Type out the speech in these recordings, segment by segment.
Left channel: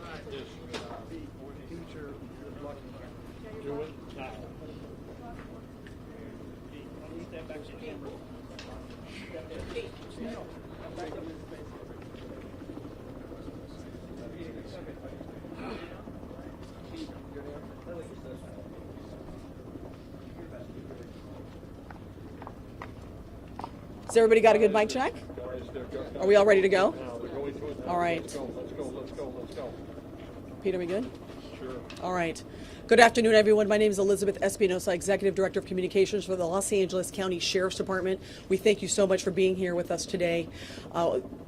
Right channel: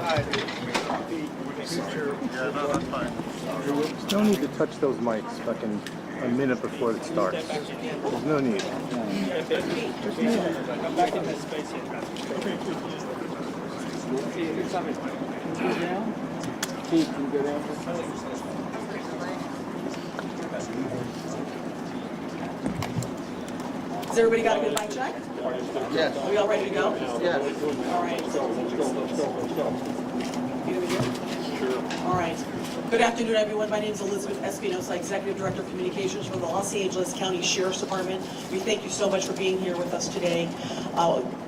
There's no need to touch those mics fucking a minute before it starts. There's no need. Has everybody got a good mic check? Yes. Are we all ready to go? Yes. All right. Peter, we good? Sure. All right. Good afternoon, everyone. My name is Elizabeth Espinosa, Executive Director of Communications for the Los Angeles County Sheriff's Department. We thank you so much for being here with us today.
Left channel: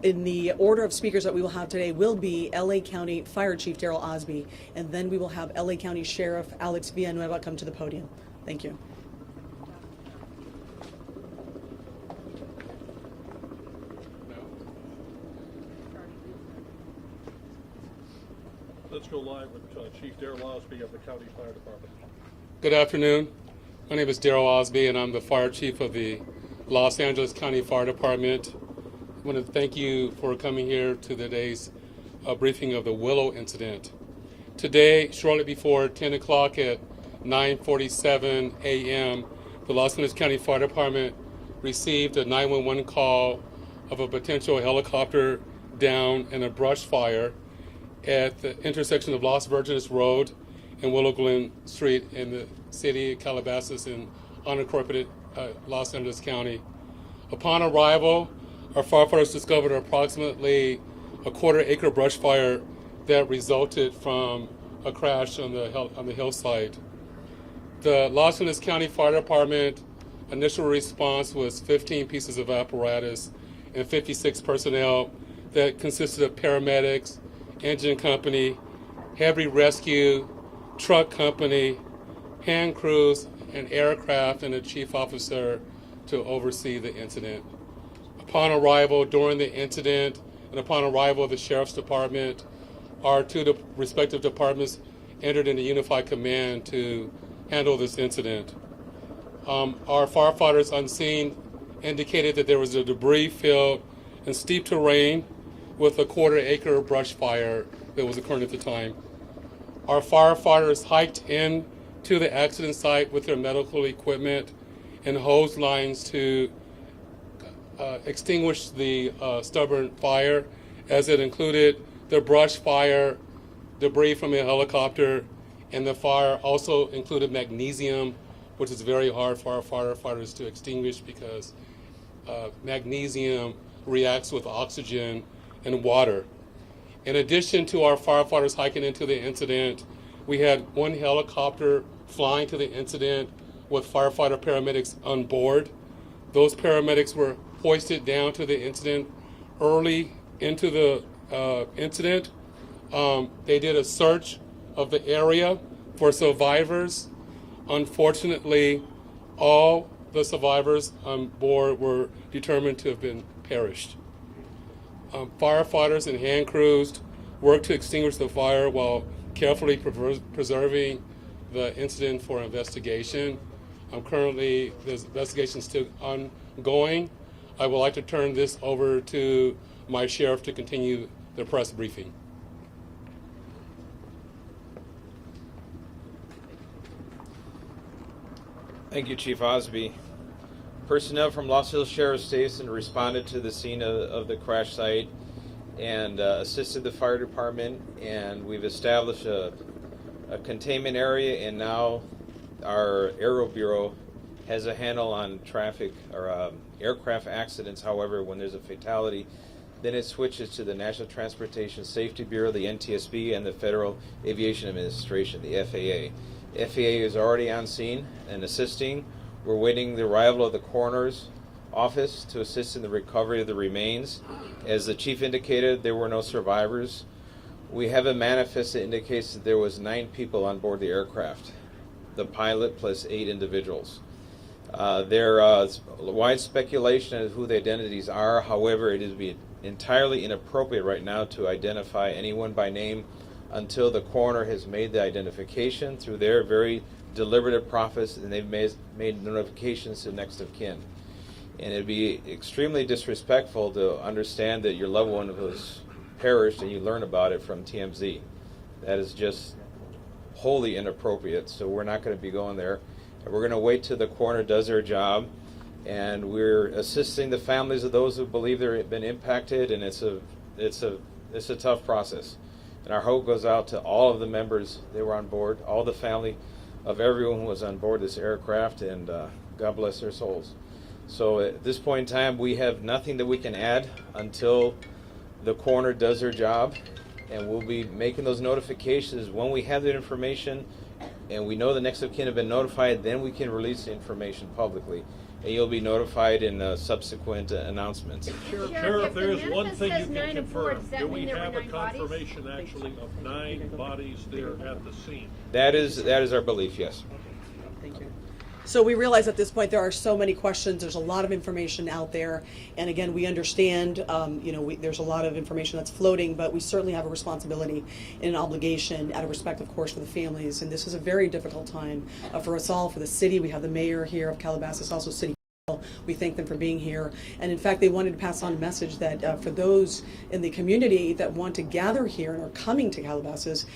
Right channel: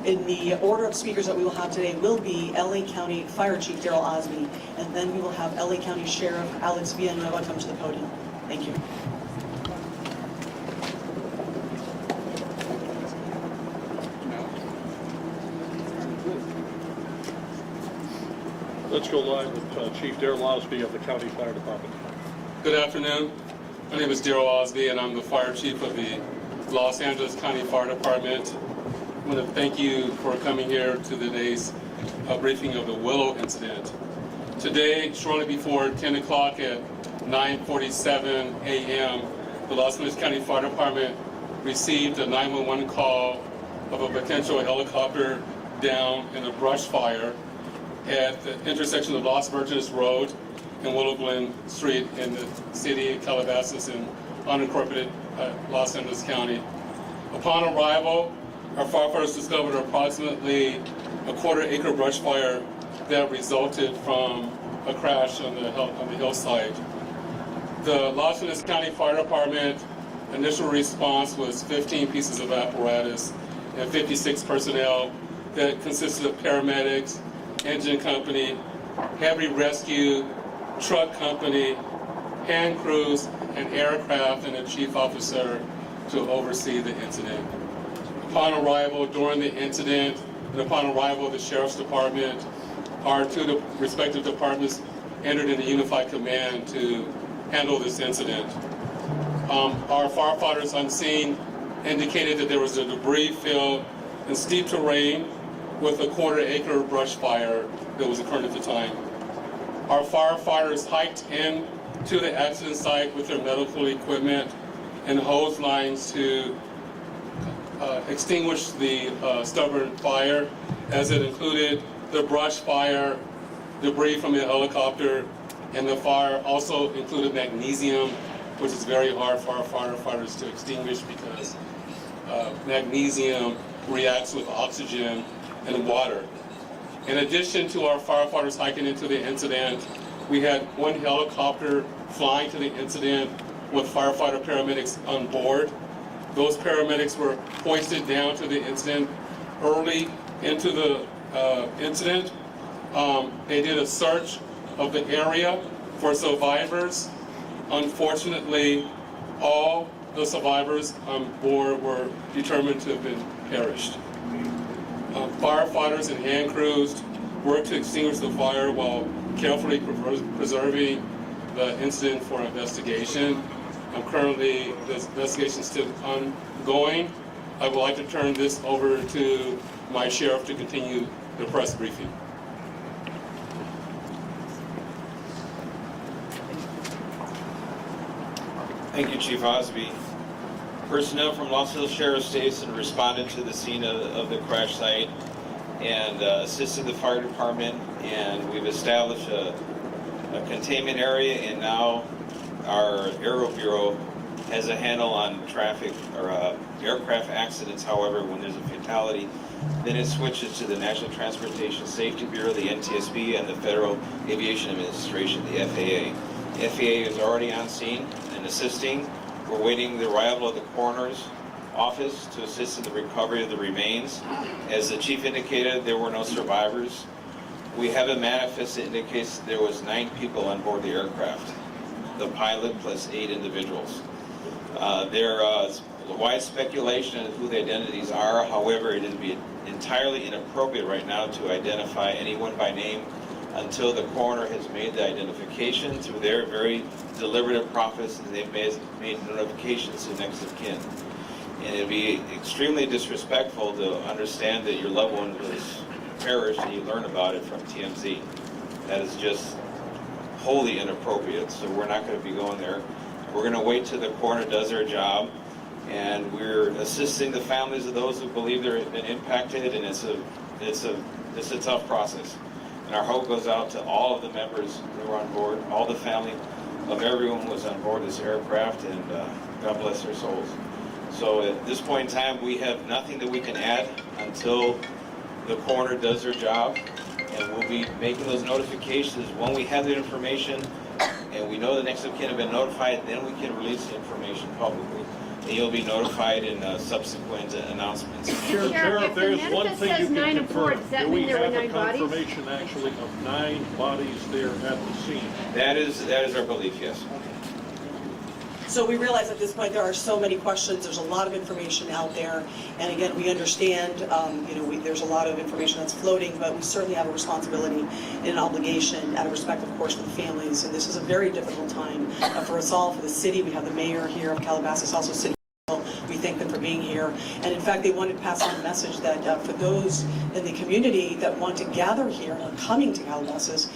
In the order of speakers that we will have today will be LA County Fire Chief Daryl Osby, and then we will have LA County Sheriff Alex Villanueva come to the podium. Thank you. Let's go live with Chief Daryl Osby of the County Fire Department. Good afternoon. My name is Daryl Osby, and I'm the Fire Chief of the Los Angeles County Fire Department. I want to thank you for coming here to today's briefing of the Willow incident. Today, shortly before 10 o'clock at 9:47 a.m., the Los Angeles County Fire Department received a 911 call of a potential helicopter down in a brush fire at the intersection of Los Virgenes Road and Willow Glen Street in the city of Calabasas in unincorporated Los Angeles County. Upon arrival, our firefighters discovered approximately a quarter-acre brush fire that resulted from a crash on the hillside. The Los Angeles County Fire Department initial response was 15 pieces of apparatus and 56 personnel that consisted of paramedics, engine company, heavy rescue, truck company, hand crews, and aircraft, and a chief officer to oversee the incident. Upon arrival during the incident, and upon arrival of the Sheriff's Department, our two respective departments entered into unified command to handle this incident. Our firefighters on scene indicated that there was a debris field in steep terrain with a quarter-acre brush fire that was occurring at the time. Our firefighters hiked in to the accident site with their medical equipment and hose lines to extinguish the stubborn fire, as it included the brush fire, debris from a helicopter, and the fire also included magnesium, which is very hard for our firefighters to extinguish because magnesium reacts with oxygen and water. In addition to our firefighters hiking into the incident, we had one helicopter flying to the incident with firefighter paramedics on board. Those paramedics were hoisted down to the incident early into the incident. They did a search of the area for survivors. Unfortunately, all the survivors on board were determined to have been perished. Firefighters and hand crews worked to extinguish the fire while carefully preserving the incident for investigation. Currently, this investigation is still ongoing. I would like to turn this over to my sheriff to continue the press briefing. Thank you, Chief Osby. Personnel from Los Angeles Sheriff's Station responded to the scene of the crash site and assisted the fire department, and we've established a containment area, and now our Aero Bureau has a handle on traffic or aircraft accidents. However, when there's a fatality, then it switches to the National Transportation Safety Bureau, the NTSB, and the Federal Aviation Administration, the FAA. The FAA is already on scene and assisting. We're waiting the arrival of the coroner's office to assist in the recovery of the remains. As the chief indicated, there were no survivors. We have a manifest that indicates that there was 9 people on board the aircraft, the pilot plus 8 individuals. There is wide speculation of who the identities are. However, it would be entirely inappropriate right now to identify anyone by name until the coroner has made the identification through their very deliberative process, and they've made notifications to next of kin. And it'd be extremely disrespectful to understand that your loved one was perished and you learn about it from TMZ. that is just wholly inappropriate, so we're not going to be going there. And we're going to wait till the coroner does their job, and we're assisting the families of those who believe they've been impacted, and it's a tough process. And our hope goes out to all of the members who were on board, all the family of everyone who was on board this aircraft, and God bless their souls. So at this point in time, we have nothing that we can add until the coroner does their job, and we'll be making those notifications when we have the information and we know the next of kin have been notified. Then we can release the information publicly, and you'll be notified in subsequent announcements. Sheriff, there's one thing you says 9 can and 4, confirm. does that Do we mean there were have a 9 bodies? confirmation actually of 9 bodies there at the scene? That is our belief, yes. So we realize at this point there are so many questions, there's a lot of information out there, and again, we understand, there's a lot of information that's floating, but we certainly have a responsibility and an obligation out of respect, of course, for the families, and this is a very difficult time for us all, for the city. We have the mayor here of Calabasas, also city. We thank them for being here, and in fact they wanted to pass on a message that for those in the community that want to gather here or coming to Calabasas,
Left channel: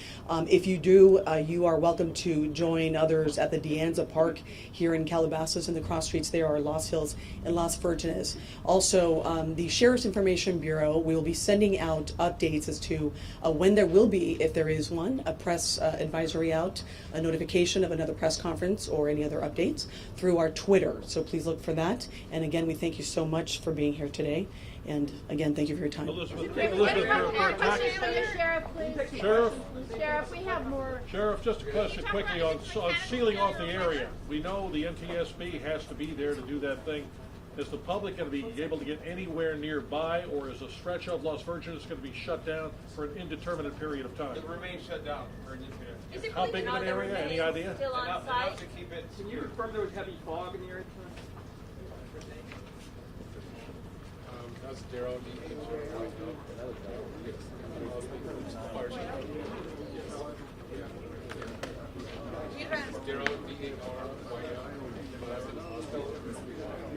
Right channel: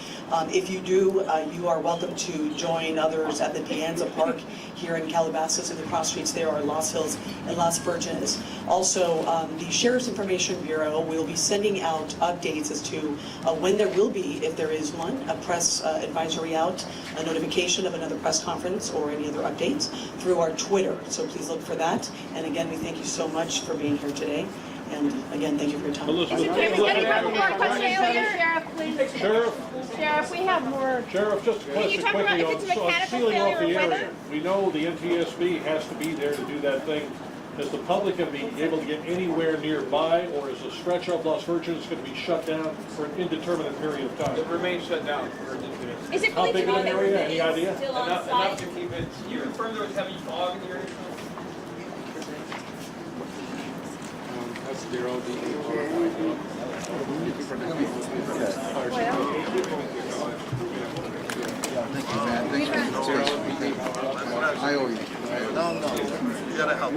if you do, you are welcome to join others at the Deanza Park here in Calabasas, and the cross streets there are Los Hills and Las Virgenes. Also, the Sheriff's Information Bureau will be sending out updates as to when there will be, if there is one, a press advisory out, a notification of another press conference or any other updates through our Twitter. So please look for that. And again, we thank you so much for being here today. And again, thank you for your time. Elizabeth, Sheriff, please. Sheriff, we have more. Sheriff, just a Can you question talk quickly about on if it's a mechanical sealing off the failure or area. weather? We know the NTSB has to be there to do that thing. Is the public going to be able to get anywhere nearby, or is a stretch of Las Virgenes going to be shut down for an indeterminate period of time? It remains shut down for Is it How really big of an area? Any idea? still on enough site? to keep it. Can you confirm there was heavy fog in the area? That's Daryl being qualified. I owe you. No, no. You gotta help.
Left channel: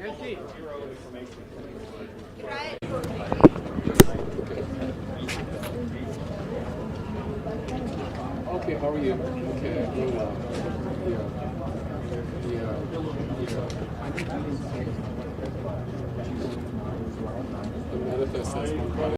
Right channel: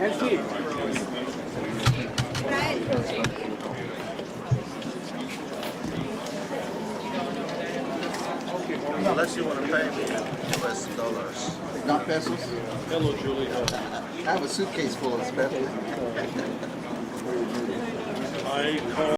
Unless you want to pay me US dollars. Not pesos? Hello, Julie. I have a suitcase full of special. I